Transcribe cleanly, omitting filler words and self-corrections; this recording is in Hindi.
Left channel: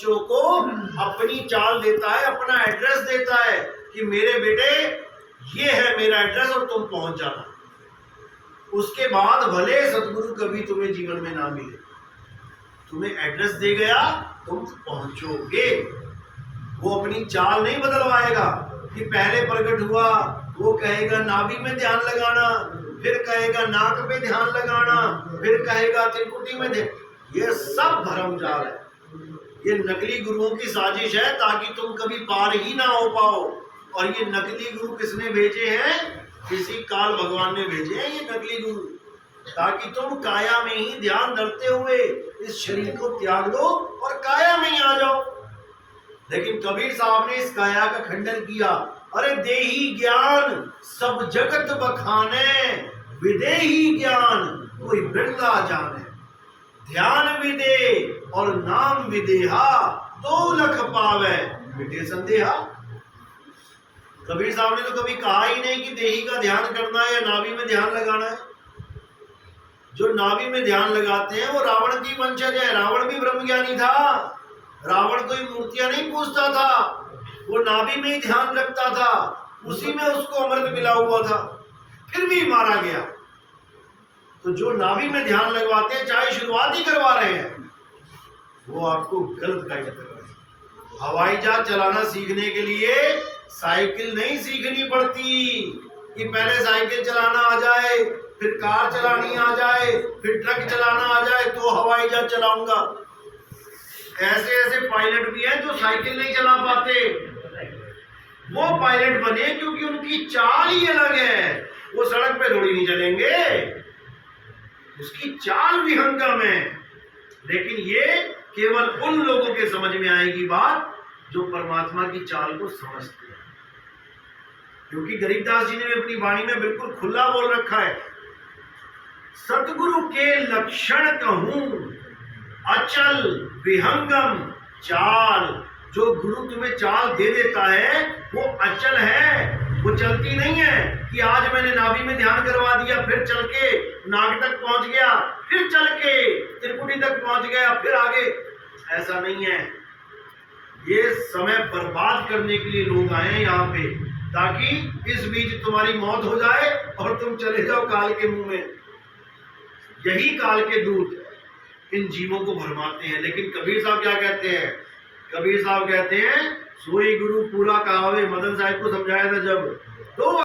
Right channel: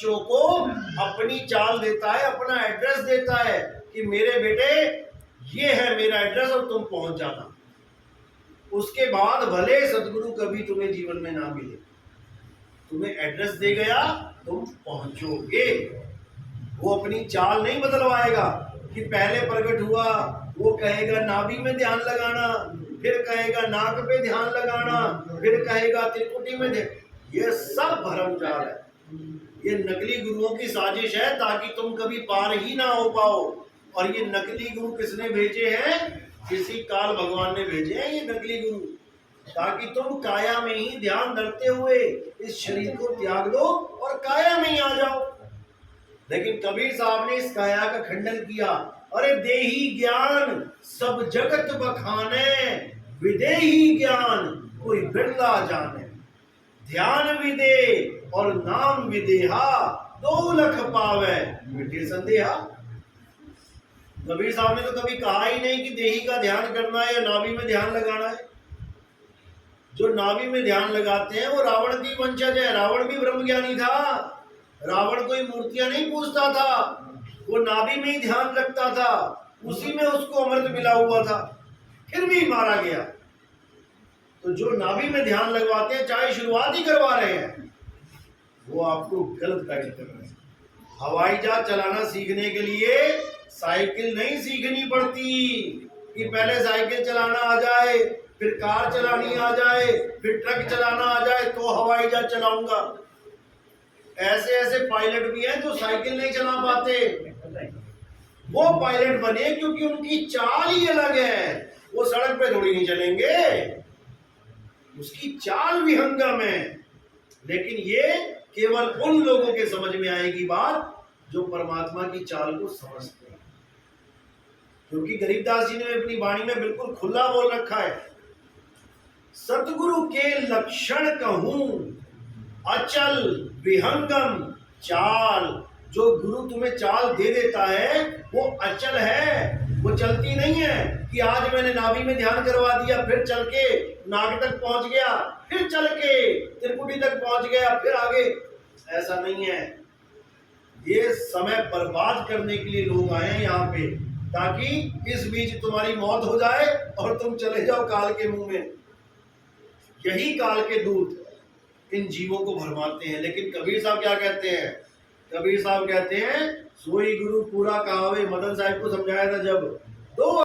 बच्चों को अपनी चाल देता है, अपना एड्रेस देता है कि मेरे बेटे ये है मेरा एड्रेस और तुम पहुंच जाना। उसके बाद भले सदगुरु कभी तुम्हें जीवन में ना मिले, तुम्हें एड्रेस दे गया, तुम पहुंचोगे। वो अपनी चाल नहीं बदलवाएगा कि पहले प्रकट हुआ, वो कहेगा नाभि में ध्यान लगाना, फिर कहेगा नाक पे ध्यान लगाना, फिर कहेगा त्रिकुटी में ध्यान। ये सब भ्रमजाल है, ये नकली गुरुओं की साजिश है ताकि तुम कभी पार ही ना हो पाओ। और ये नकली गुरु किसने भेजे हैं? किसी काल भगवान ने भेजे हैं ये नकली गुरु, ताकि तुम काया में ही ध्यान धरते हुए इस शरीर को त्याग दो और काया में ही आ जाओ। लेकिन कबीर साहब ने इस काया का खंडन किया। अरे देही ज्ञान सब जगत बखाने, विदेही ज्ञान कोई बिरला जाने। ध्यान विदे और नाम विदेहा, 2 लख पावे मिटे संदेहा। कबीर साहब ने तो कभी कहा ही नहीं कि देही का ध्यान करना है या नाभि में ध्यान लगाना है। जो नाभि में ध्यान लगाते हैं वो रावण की वंशज है। रावण भी ब्रह्मज्ञानी था, रावण कोई मूर्तियां नहीं पूजता था, वो नाभि में ही ध्यान रखता था, उसी में उसको अमृत मिला हुआ था, फिर भी मारा गया। तो जो नाभि में ध्यान लगवाते हैं, चाहे शुरुआत ही करवा रहे हैं, वो आपको गलत गाइड कर रहे हैं। हवाई जहाज चलाना सीखने के लिए साइकिल नहीं सीखनी पड़ती कि पहले साइकिल चलाना आ जाए, फिर कार चलानी आ जाए, फिर ट्रक चलाना आ जाए तो हवाई जहाज चलाऊंगा। ऐसे ऐसे पायलट भी हैं जो साइकिल नहीं चला पाते, वो पायलट बने क्योंकि उनकी चाल ही अलग है। वो सड़क पे थोड़ी नहीं चलेंगे, उसकी चाल विहंगम है। लेकिन ये केवल उन लोगों के समझ में आएगी बात जो परमात्मा की चाल को समझते हैं। क्योंकि गरीबदास जी ने अपनी वाणी में बिल्कुल खुला बोल रखा है, सतगुरु के लक्षण कहूं अचल विहंगम चाल। जो गुरु तुम्हें चाल दे देता है वो अचल है, वो चलती नहीं है कि आज मैंने नाभि में ध्यान करवा दिया, फिर चल के नाक तक पहुंच गया, फिर चल के त्रिकुटी तक पहुंच गया, फिर आगे। ऐसा नहीं है। ये समय बर्बाद करने के लिए लोग आए हैं यहाँ पे, ताकि इस बीच तुम्हारी मौत हो जाए और तुम चले जाओ काल के मुंह में। यही काल के दूत इन जीवों को भरमाते हैं। लेकिन कबीर साहब क्या कहते हैं? कबीर साहब कहते हैं सोई गुरु पूरा कहावे। मदन साहब को समझाया था जब, तो